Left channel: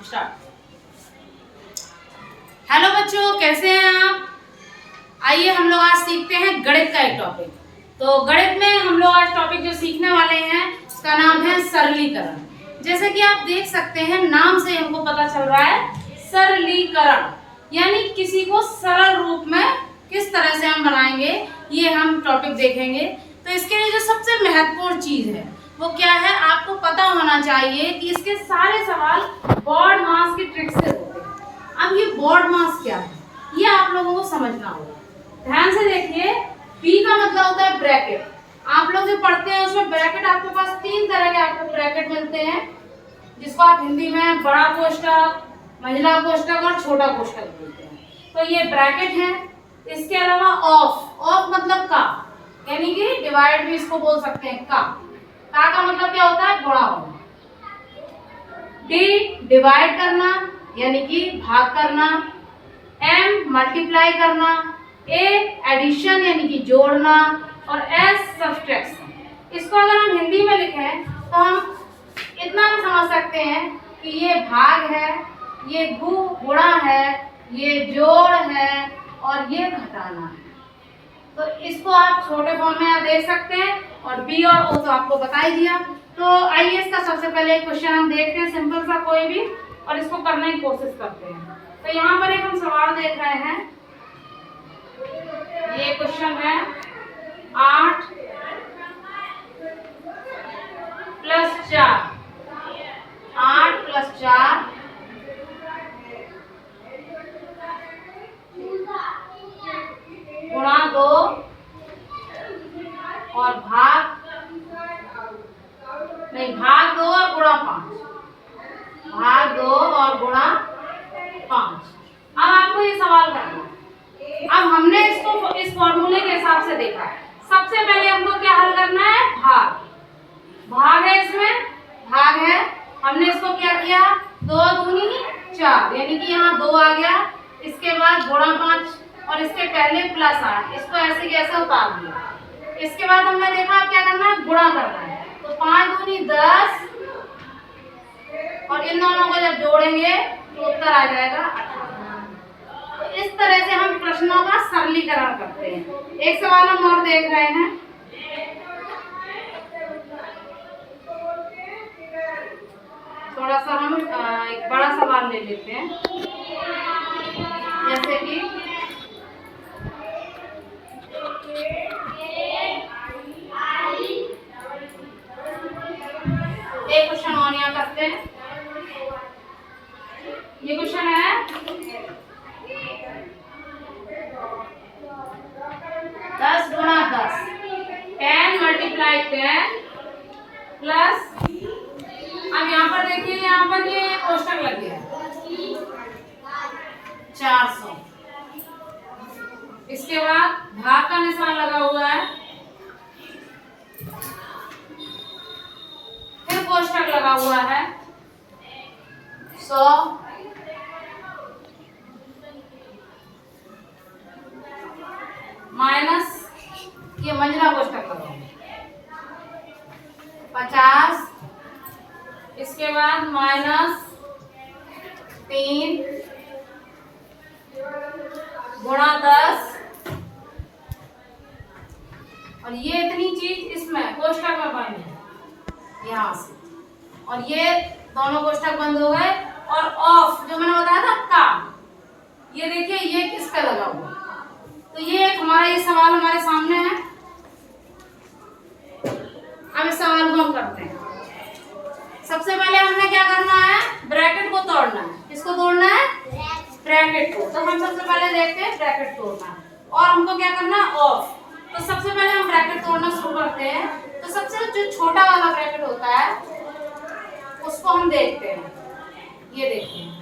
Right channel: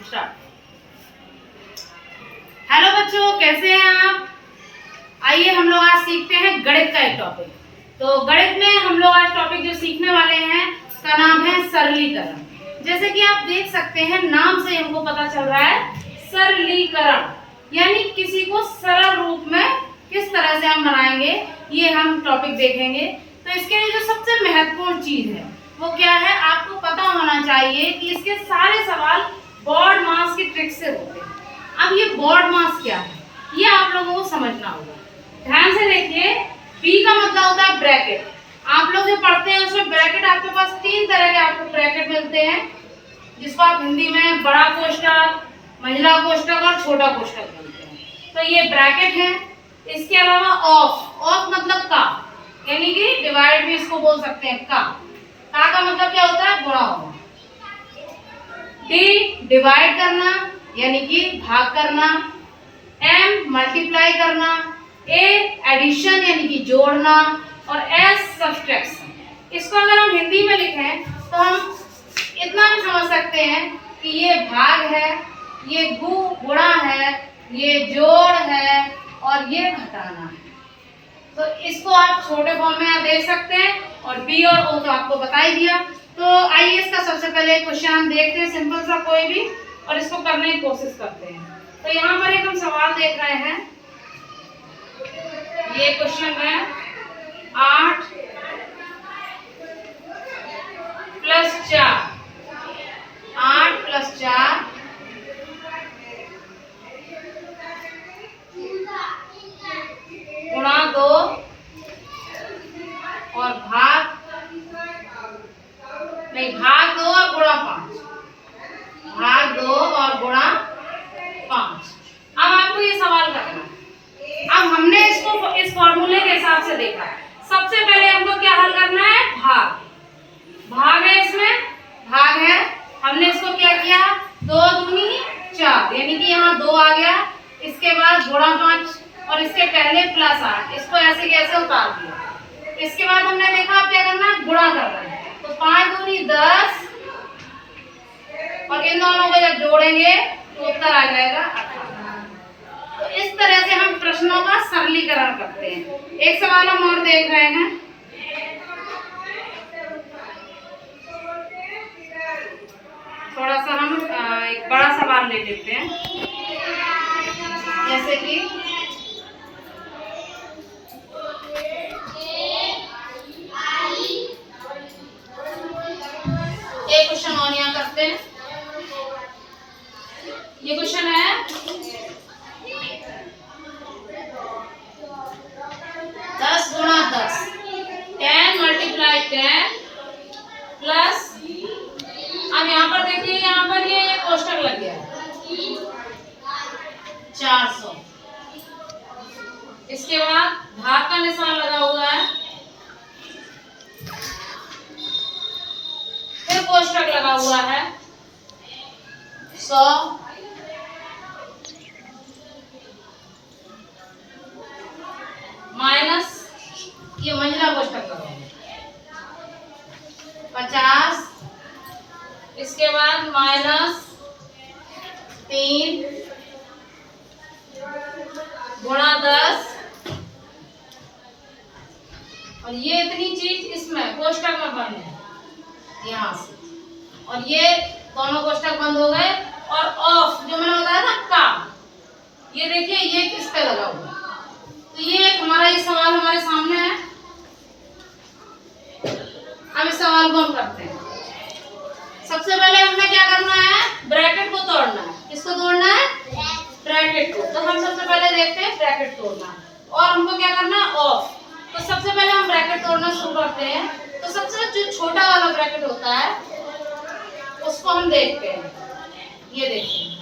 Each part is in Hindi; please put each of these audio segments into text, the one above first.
स्टार्ट। हेलो बच्चों, कैसे हैं आप? आइए हम लोग आज सीखते हैं गणित का एक टॉपिक। तो गणित में हम लोग आज टॉपिक जो सीखने वाले हैं उसका नाम है सरलीकरण। जैसे कि आप देख सकते हैं नाम से हमको पता चल रहा है सरलीकरण, यानी किसी को सरल रूप में किस तरह से हम बनाएंगे, ये हम टॉपिक देखेंगे। तो इसके लिए जो सबसे महत्वपूर्ण चीज है वो क्या है, आपको पता होना चाहिए कि इसके सारे सवाल बोर्ड मास की ट्रिक से होते हैं। अब ये बोर्ड मास क्या है, ये आप लोगों को समझना होगा। ध्यान से देखिए, बी का मतलब होता है ब्रैकेट। आप लोग जो पढ़ते हैं उसमें ब्रैकेट आपके पास तीन तरह के आपको ब्रैकेट मिलते हैं, जिसको आप हिंदी में बड़ा कोष्ठक, महिला कोष्ठक और छोटा कोष्ठक बोलते हैं। तो ये ब्रैकेट है। इसके अलावा ऑफ मतलब का, यानी कि डिवाइड भी इसको बोल सकते हैं। का मतलब क्या होता है, गुणा होना। डी डिवाइड करना यानी कि भाग करना। एम मल्टीप्लाई करना। ए एडिशन यानी कि जोड़ना। और एस सब्सट्रैक्शन। इसको अगर हम हिंदी में लिखें तो हम इतना भी समझ सकते हैं कि ये भाग है, ये गुणा है, ये जोड़ है और ये घटाना है। तो इसको आप छोटे फॉर्म में आप देख सकते हैं। और बी और ओ तो आपको बता ही दिया। तो आइए इसका सबसे पहले क्वेश्चन हम देखते हैं, सिंपल सा कोई भी, और इसको करने की कोशिश करते हैं। तो यहाँ पर एक हम सवाल देख रहे हैं। ये क्वेश्चन है 8 + 4, 8 + 4 गुणा 2 और भाग 2 और गुणा 5। भाग 2 और गुणा 5। अब आपको ये सवाल करना है। अब हमने इसको इस फॉर्मूले के हिसाब से देखा है। सबसे पहले हमको क्या हल करना है, भाग है, इसमें भाग है। हमने इसको क्या किया, 2 दूनी 4, यानी कि यहाँ 2 आ गया। इसके बाद गुणा 5 और इसके पहले +8, इसको ऐसे कैसे उतार दिया। इसके बाद हमने देखा अब क्या करना है, गुणा करना है। तो 5 दूनी 10 और इन दोनों को जब जोड़ेंगे तो उत्तर आ जाएगा 18। तो इस तरह से हम प्रश्नों का सरलीकरण करते हैं। एक सवाल हम और देख रहे हैं। थोड़ा सा हम एक बड़ा सवाल ले लेते हैं, जैसे कि एक क्वेश्चन और यहाँ करते हैं। ये क्वेश्चन है 10 गुणा 10, 10 × 10 प्लस, अब यहाँ पर देखिए, यहाँ पर ये कोष्ठक लग गया 400। इसके बाद भाग का निशान लगा हुआ है, फिर कोष्ठक लगा हुआ है 100 माइनस, ये महिला कोष्ठक लगा हुआ 50। इसके बाद -3 गुणा 10 और ये इतनी चीज इसमें कोष्ठक में बंद है यहाँ से, और ये दोनों कोष्ठक बंद हो गए। और ऑफ जो मैंने बताया था का, ये देखिए ये किस पे लगा हुआ है। तो ये एक हमारा ये सवाल हमारे सामने है। अब इस सवाल को हम करते हैं। सबसे पहले हमें क्या करना है, ब्रैकेट को तोड़ना है। किसको तोड़ना है, ब्रैकेट को। तो हम सबसे पहले देखते हैं ब्रैकेट तोड़ना, और हमको क्या करना है, ऑफ। तो सबसे पहले हम ब्रैकेट तोड़ना शुरू करते हैं। तो सबसे जो छोटा वाला ब्रैकेट होता है उसको हम देखते हैं। ये देखिए,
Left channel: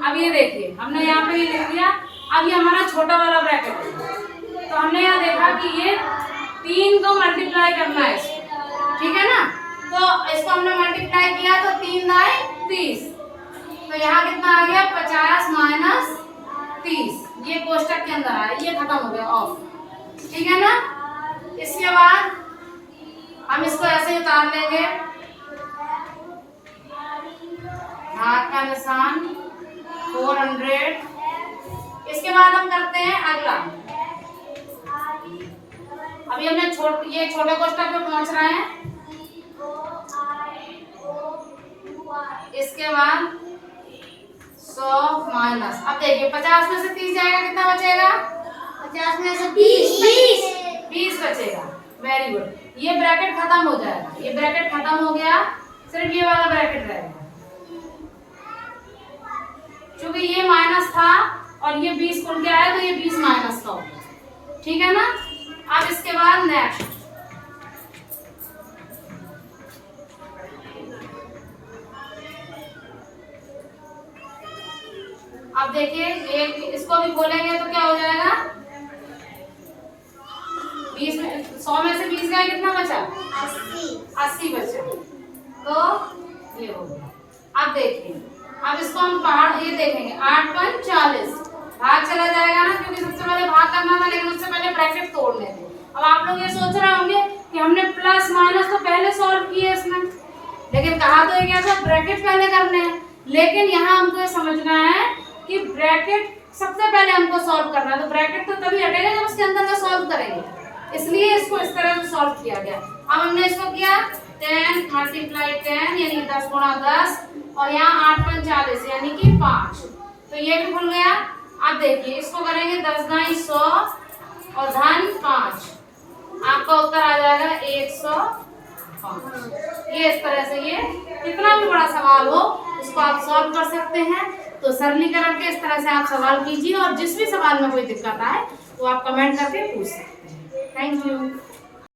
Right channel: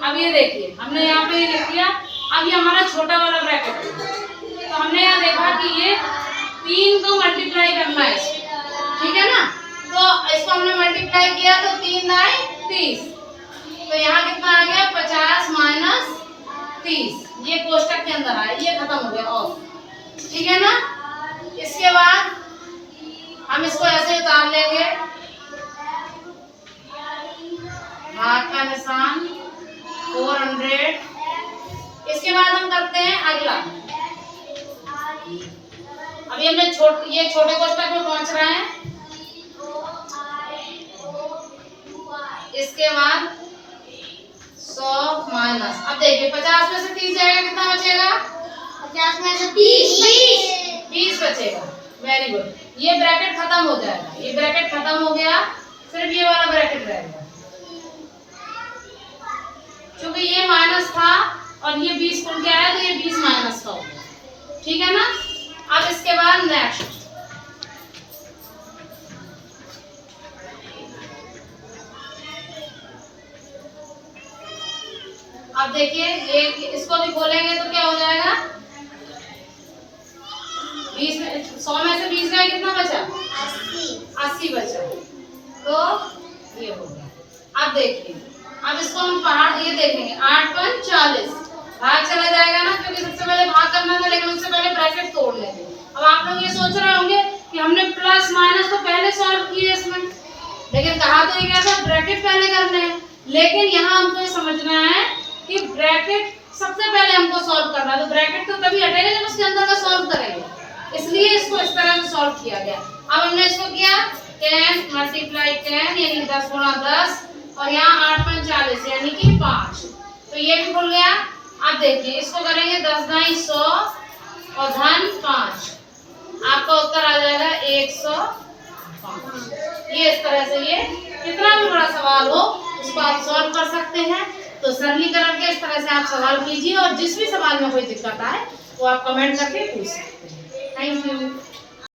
अब ये देखिए हमने यहाँ पे ये लिख दिया। अब ये हमारा छोटा वाला ब्रैकेट है। तो हमने यहाँ देखा कि ये 3 को मल्टीप्लाई करना है, ठीक है ना। तो इसको हमने मल्टीप्लाई किया तो 3 × 30। तो यहाँ कितना आ गया, 50 - 30। ये कोष्ठक के अंदर आया, ये खत्म हो गया ऑफ, ठीक है ना। इसके बाद हम इसको ऐसे उतार लेंगे, भाग का निशान 400। इसके बाद हम करते हैं अगला। अभी हमने ये छोटे कोष्ठक में पहुंच रहे हैं। इसके बाद 100 माइनस, अब देखिए 50 में से 30 जाएगा, कितना बचेगा? 50 में से 20 बचेगा। Very good. ये ब्रैकेट खत्म हो जाएगा, ये ब्रैकेट खत्म हो गया, सिर्फ ये वाला ब्रैकेट रहेगा। क्योंकि ये माइनस था और ये 20 खुल के आया तो ये 20 माइनस का हो गया, ठीक है ना। अब इसके बाद नेक्स्ट, अब देखिए ये इसको भी खोलेंगे तो क्या हो जाएगा? 20 में 100 में से 20 गया, कितना बचा? 80 बचा, तो ये हो गया। अब देखिए, अब इसको हम पहाड़ ये देखेंगे, 8 पंच 40, भाग चला जाएगा ना, क्योंकि सबसे पहले भाग करना था, लेकिन उससे पहले ब्रैकेट तोड़ लेते। अब आप लोग ये सोच रहे होंगे कि हमने प्लस माइनस तो पहले सॉल्व किए इसमें, लेकिन कहा तो ये क्या था, ब्रैकेट पहले करने हैं। लेकिन यहाँ हमको ये समझना है कि ब्रैकेट सबसे पहले हमको सॉल्व करना है, तो ब्रैकेट तो तभी हटेगा जब उसके अंदर का सॉल्व करेंगे, इसलिए इसको इस तरह से सॉल्व किया गया। अब हमने इसको किया 10 मल्टीप्लाई 10 यानी 10 गुणा 10, और यहाँ 8 पंच 40 यानी कि 5, तो ये भी खुल गया। अब देखिए इसको करेंगे 10 दाई 100 और धन 5, आपका उत्तर आ जाएगा 105। ये इस तरह से ये कितना भी बड़ा सवाल हो उसको आप सॉल्व कर सकते हैं। तो सरलीकरण के इस तरह से आप सवाल कीजिए, और जिस भी सवाल में कोई दिक्कत आए वो आप कमेंट करके पूछ सकते हैं। Thank you.